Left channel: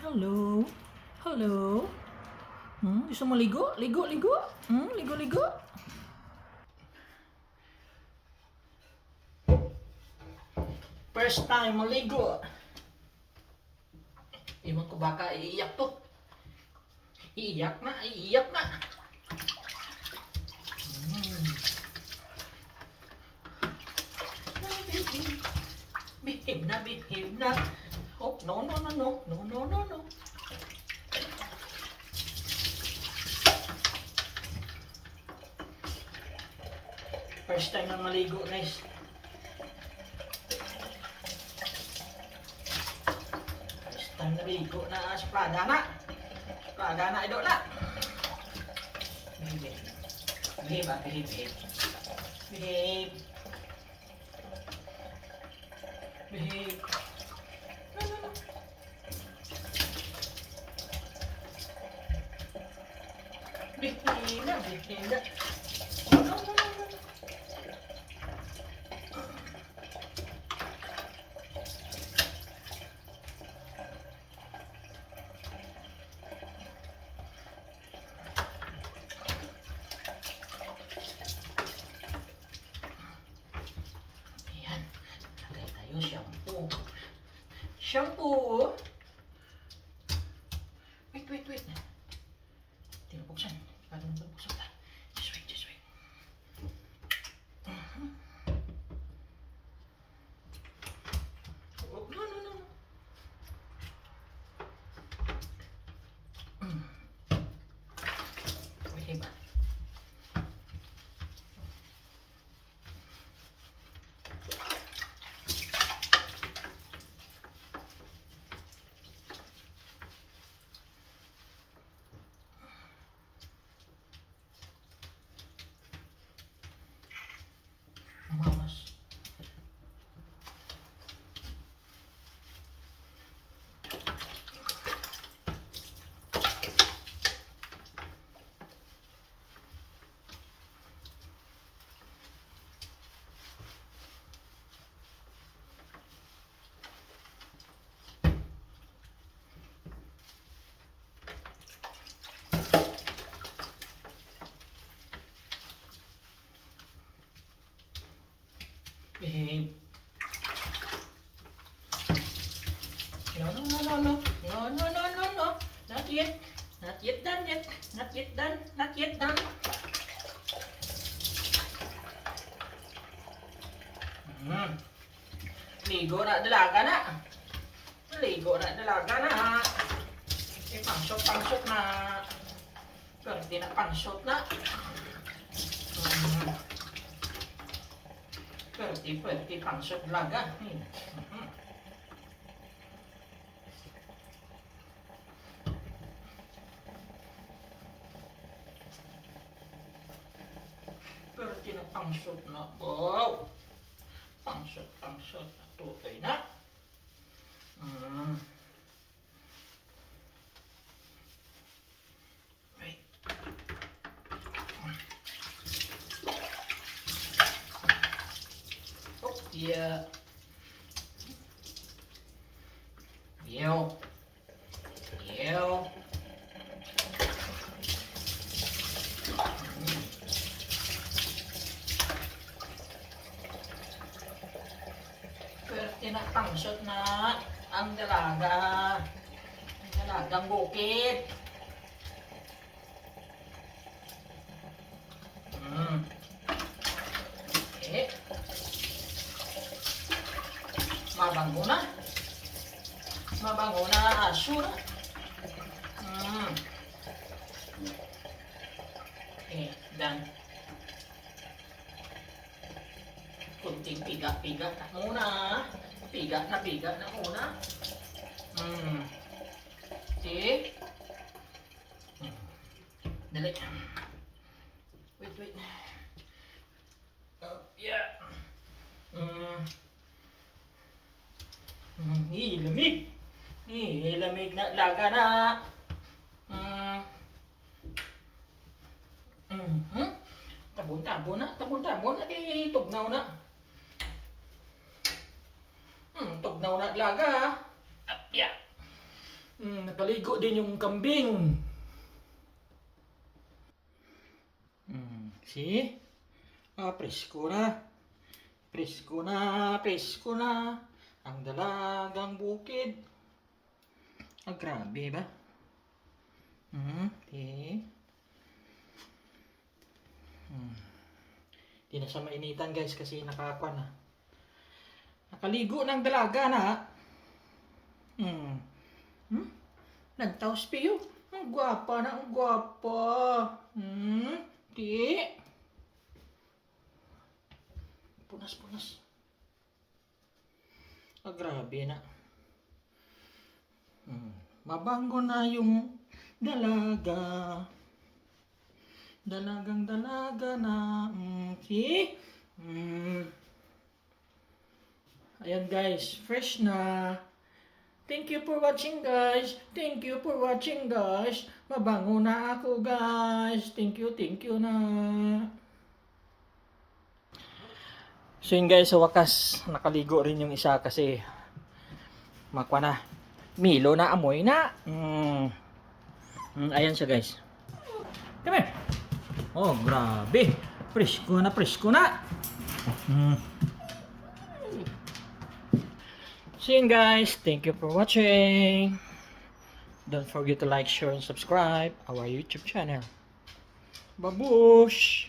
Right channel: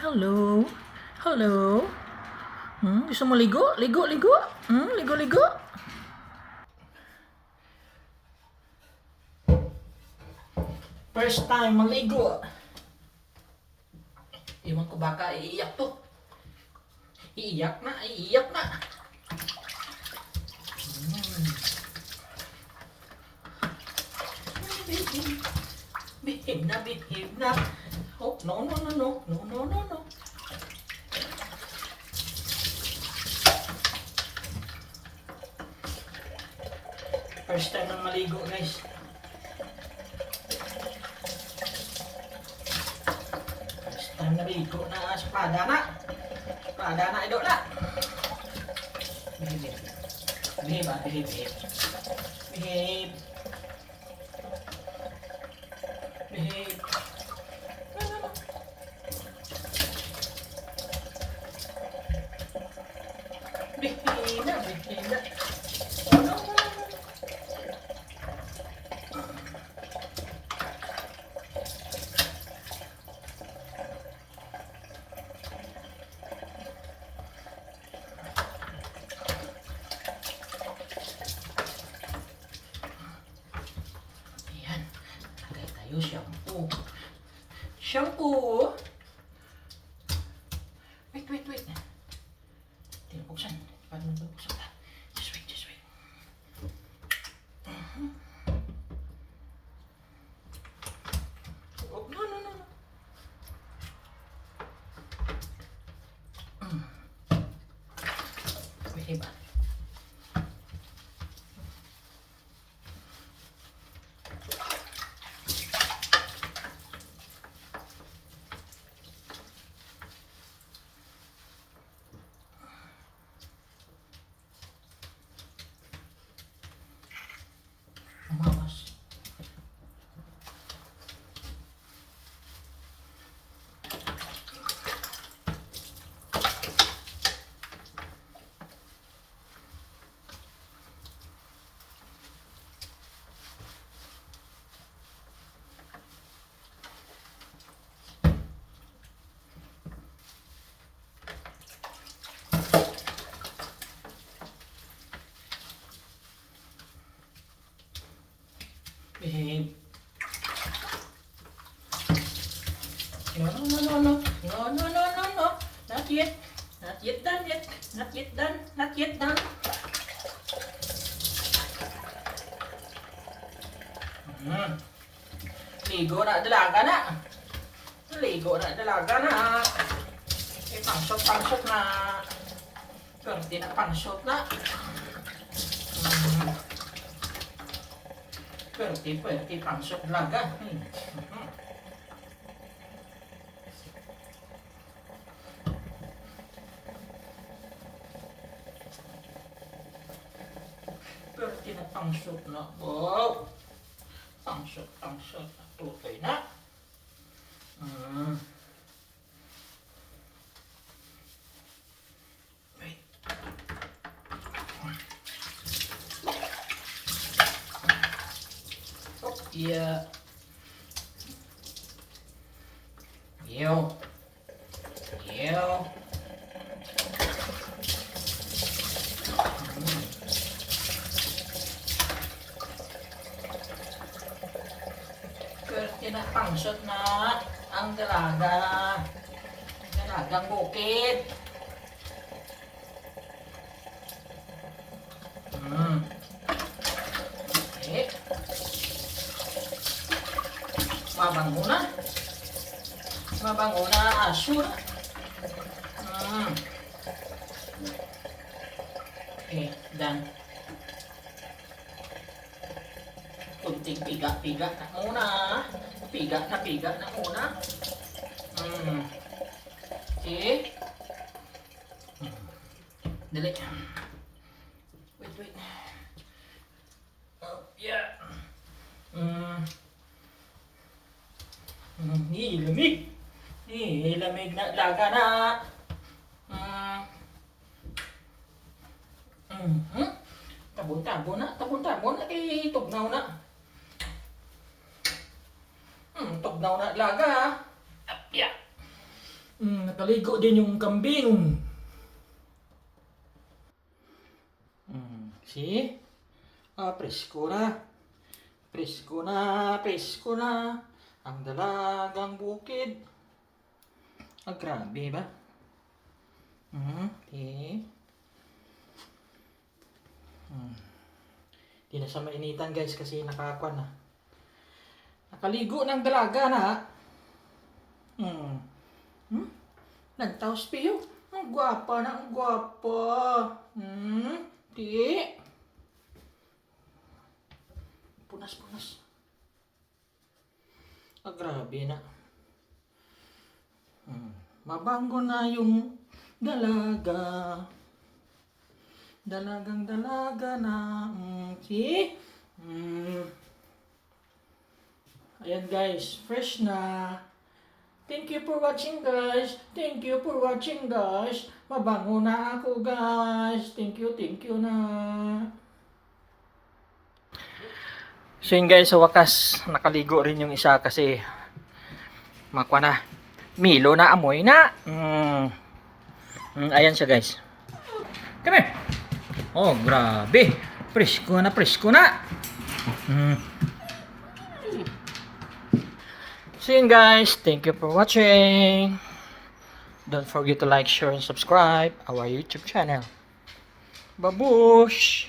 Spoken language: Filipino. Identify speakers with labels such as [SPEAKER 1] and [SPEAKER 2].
[SPEAKER 1] Hello? Hello? Hmm, gusto mo ligo? Ligo, ligo? Hmm, ligo, ligo? First time maligo. Iwan ko baka iiyak to. Iiyak na, iiyak na. Hmm. Behave na, behave na. No, no, no, no, no, no, no, no. First time na maligo, guys. First time na maligo na sa Prada na. Prada na, idol na. Behave. Behave, ah, behave, behave. Behave. Behave. Bikina, bikina. Ano ba? Ayan. Lagay tayo shampoo. Shampoo. Wait, wait, wait. Tinubuksan. Tinubuksan. Bence çok güzel. No, no, no, no, no. No, no, no, no, no. Not yet. Not yet done yet. Not yet done. Not yet done. Hmm. Ligo na dalaga na. Ligo na dalaga na. Eh, pangsot, pangsot na. Hindi na pangsot na. Hmm. Di pwede pangsot laga. Hmm. langsung nak bau langsung langsung tu kena hmm Yeah. Yeah. Yeah. pinapangsot na ang dalaga. Dalagang bukid. Hmm. Okay. Mabango na. Mabango na ang aso. Hmm. Okay, done. Kunting piga-piga na muna. Piga na piga na muna. Hmm. Okay. Hmm. Dali. Wait, wait. Oh, yeah. Hmm. Hmm, Ih, lamig. Ih, lamig na laga na. Hmm. Mhm. Tabon-tabon na, tabon-tabon na, eh, tugnaw na. Tugnaw na laga. Ah, yeah. Mm, nakaligo din yung kambing. Mm, see? Ah, presko na. Presko na, presko na. Ang dalagang bukid. Ah, grabe ba? Mm, okay. Hmm. Di na siya mainitan guys kasi nakakwan na. Nakaligo ng dalaga na. Hmm. Hmm? Nagtaos piyo. Ang gwapa na, ang gwapa. Hmm? Di. Punas, punas. Ah, grabe na. Hmm. Mabango na yung dalaga. Dalagang dalaga na. Mm, see? Mm. Ayan guys, fresh na. Thank you for watching guys. Thank you for watching guys. Mabango na ako guys. Thank you, thank you na. So yun guys, sa wakas, nakaligo rin yung isa kasi makwa na. Milo na amoy na. Mm. Mm, ayan siya guys. Come here. Oh, grabe. Presko na, presko na. Mm. So yun guys, thank you for watching. Don't forget to like, share, and subscribe our YouTube channel. Babush!